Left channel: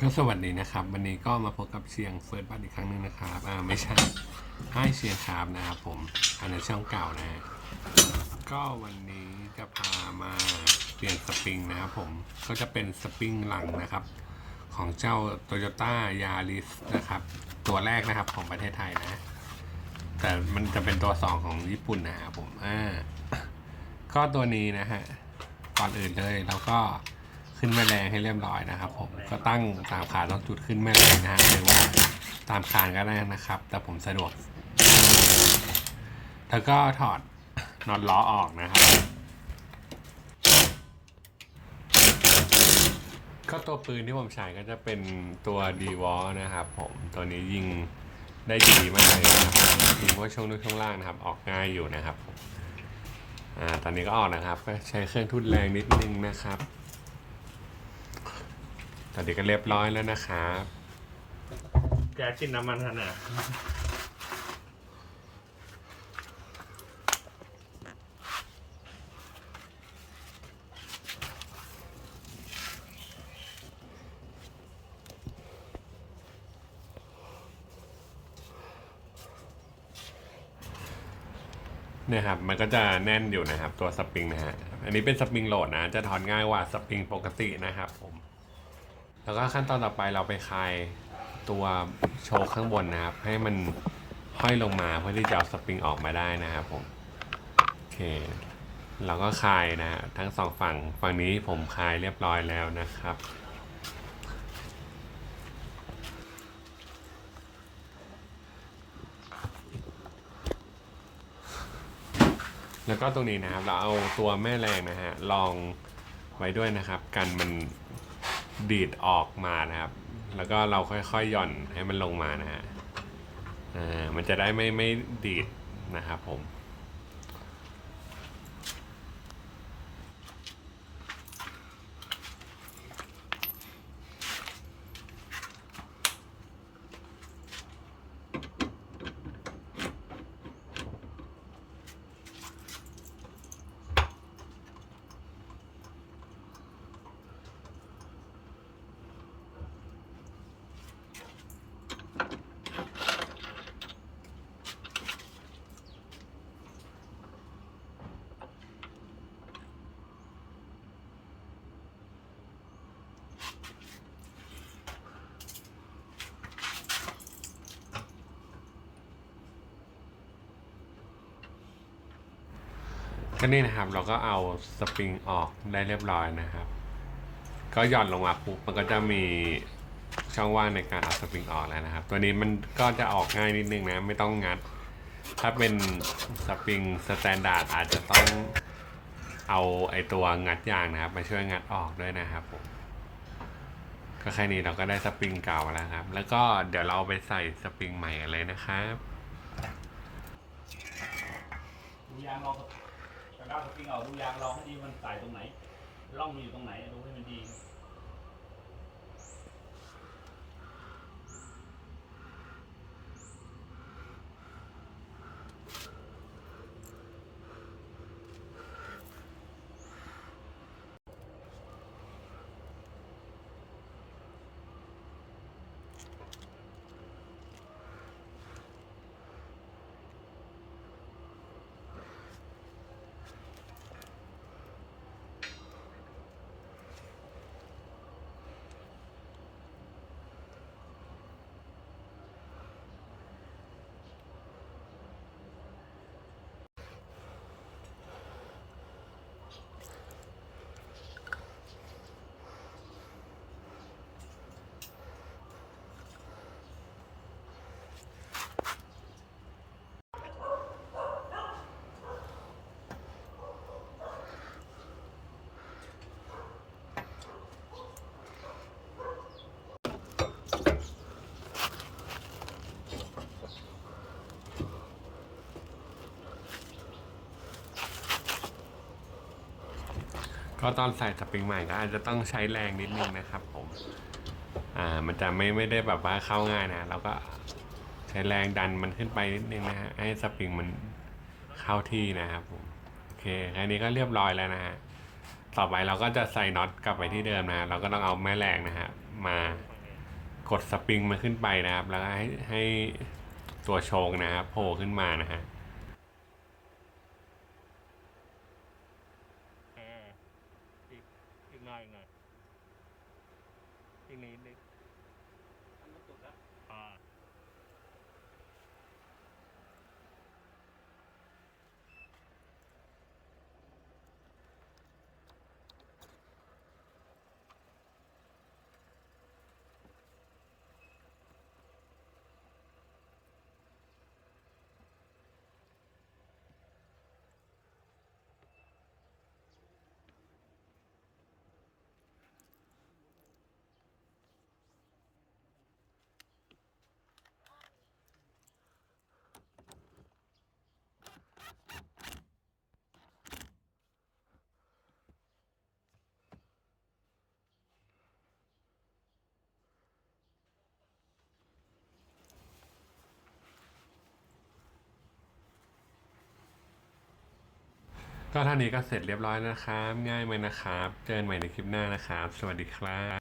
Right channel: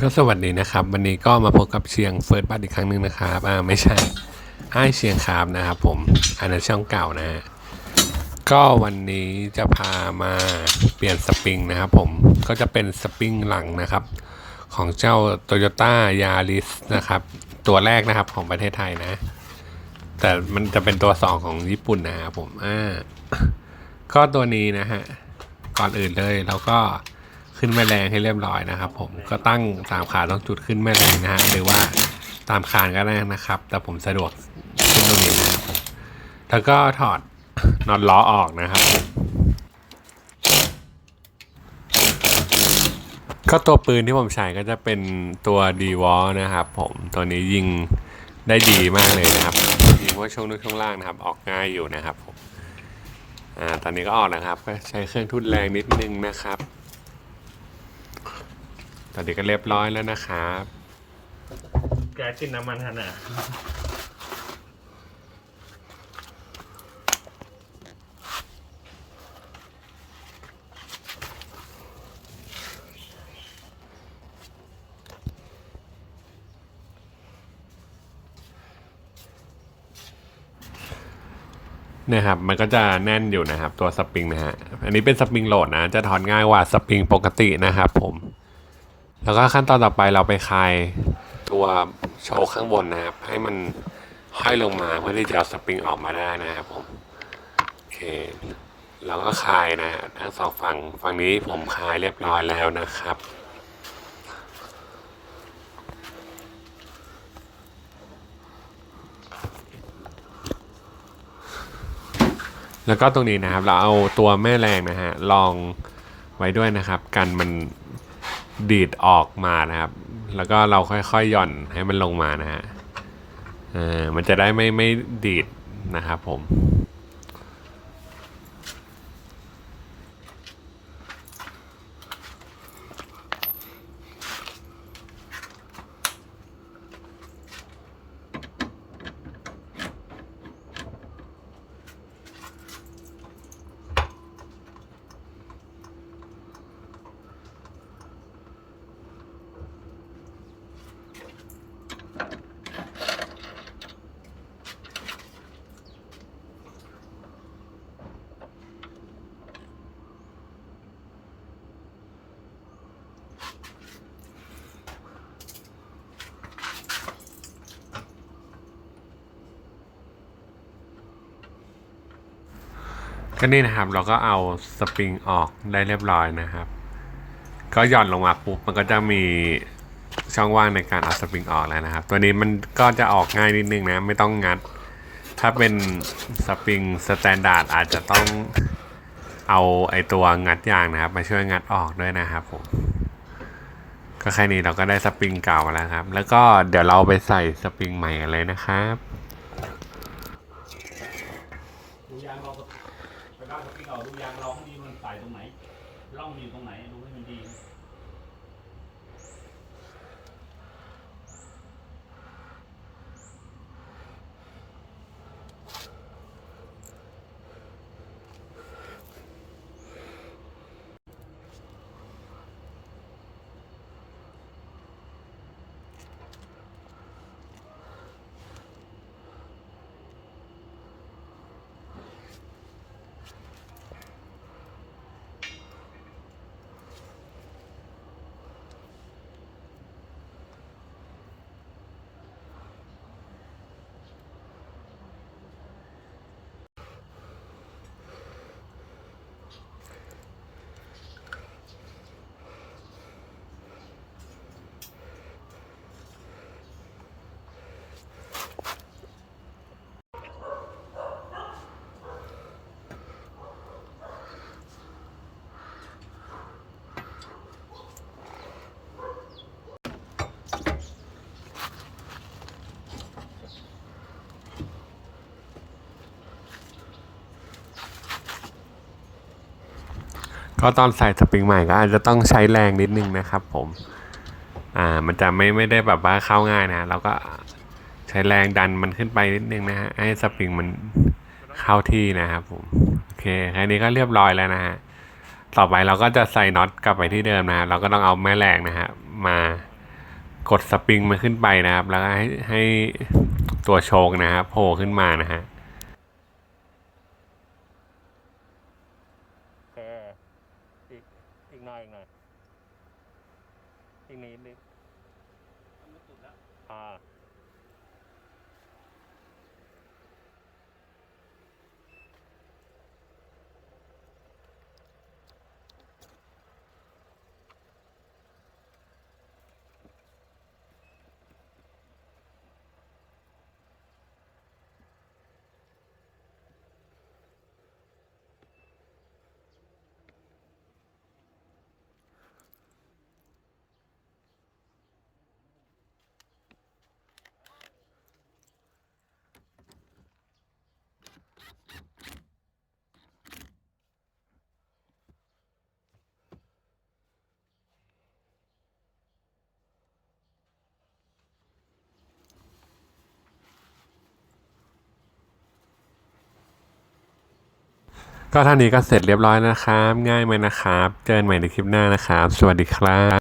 ก็สวัสดีนะครับ วันนี้ก็มาพบกับเชียงเฟิร์สบัตอีกครั้งหนึ่งนะครับอ่าไม่ใช่ไอ้เชียงคามนะครับผมอันนั้นช่องเก่านะฮะก็วันนี้จะพามาเปลี่ยนสปริงนะครับผมก็จะเป็นสปริงหลังนะครับ ของเจ้า Toyota Yaris นะครับ ตัวแรกนะครับของประเทศไทยนะ แต่มันจะเป็นตัวสองของญี่ปุ่นนะครับผมอ่าก็ตัวนี้นะฮะก่อนอื่นเลยเราก็ ขึ้นแม่แรงให้เรียบร้อยนะครับ ผมก็ตั้งสามขาต้องจุดขึ้นแม่แรงนะฮะหรือว่าตามคานก็ได้นะครับ แต่ผมสะดวกขึ้นตรงนี้แล้วก็ถอดน็อตล้อออกนะครับ ก็ตัวปืนที่ผมใช้ก็จะเป็นตัวดีวอลนะครับผมตัวนี้ยิงได้ดีมากเลยนะครับยิงว่าช่วงนู้นช่วงล่างนะครับ ออกง่ายอยู่นะครับผมอ่าตอนนี้ก็ออกนะครับก็ใช้เครื่องทุนแรงนิดนึงนะครับ ตอนนี้ก็เรียบร้อยแล้วนะครับแก๊สจิ้นน้ำมันทันอะเนี่ยครับมันก็จะแน่นอยู่นะครับตัวสปริงนะฮะอันนี้เป็นสปริงโหลดนะจะถอนง่ายกว่าสปริงปกตินะครับผม แล้วก็ขั้นตอนต่อไปเราไปคลายตัวโชว์ข้างบนนะครับ ให้มันห้อยลงมาเพื่อที่จะเอาสปริงออกมาได้นะครับผมโอเคเราก็คลายนะฮะทั้งสองฝั่งฝั่งนี้ผมคลายเรียบร้อยแล้วนะครับแล้วก็ตรงนี้นะครับเราเอาตัวแม่แรงนะฮะลองไว้ด้วยนะครับ กันมัน ดีดออกมานะครับ แล้วก็เราค่อยๆหย่อนให้มันลงมานะฮะเออมันจะได้ไม่ไม่ดีดนะครับผม ก็นี่นะครับ เราก็เอาสปริงออกได้เรียบร้อยนะครับ ก็หย่อนลงมาปุ๊บมันก็จะมีช่องว่างในการเอาสปริงออกแล้วนะครับ ตัวนี้มันก็จะออกง่ายนิดนึงนะไม่ต้องงัด ถ้าเป็นสปริงสแตนดาร์ดอาจจะต้องเอาไอตัวงัดยางนะครับ มาช่วยงัดออกด้วยนะครับผมก็แค่นี้เราก็ได้สปริงเก่าแล้วครับ แล้วก็เดี๋ยวเราไปใส่สปริงใหม่เลยนะครับ ดูยาเราไปบ้านสปริงออกดูยางเราให้ดีมันใส่ตรงไหนร่องมันอยู่ตรงไหนดูให้มันดี ก็ตอนใส่สปริงใหม่ก็อาจจะต้องใช้แรงนิดนึงนะครับ ผม อ่า มันจะไม่ไม่ได้แบบว่าเข้าง่ายนะ เราก็ใช้แรงดันมันขึ้นไปนิดนึงนะฮะ ให้สปริงมันเข้าที่นะครับผม โอเคแค่นี้ก็เรียบร้อยแล้วนะฮะ ต่อไปเราก็จะใส่น็อตกลับไปที่เดิมนะ เราก็ต้องเอาแม่แรงนะฮะมากดสปริงมันขึ้นไปนะครับ แล้วให้ให้ตัวโชคนะครับโผล่ขึ้นมานะฮะ โอเคอีกอีกหน่อยอีกหน่อย อีกนิ ก็เท่านี้ก็เสร็จเรียบร้อยนะครับ ง่ายไหมนะครับ เจอกันใหม่ในคลิปหน้านะครับ สวัสดีครับ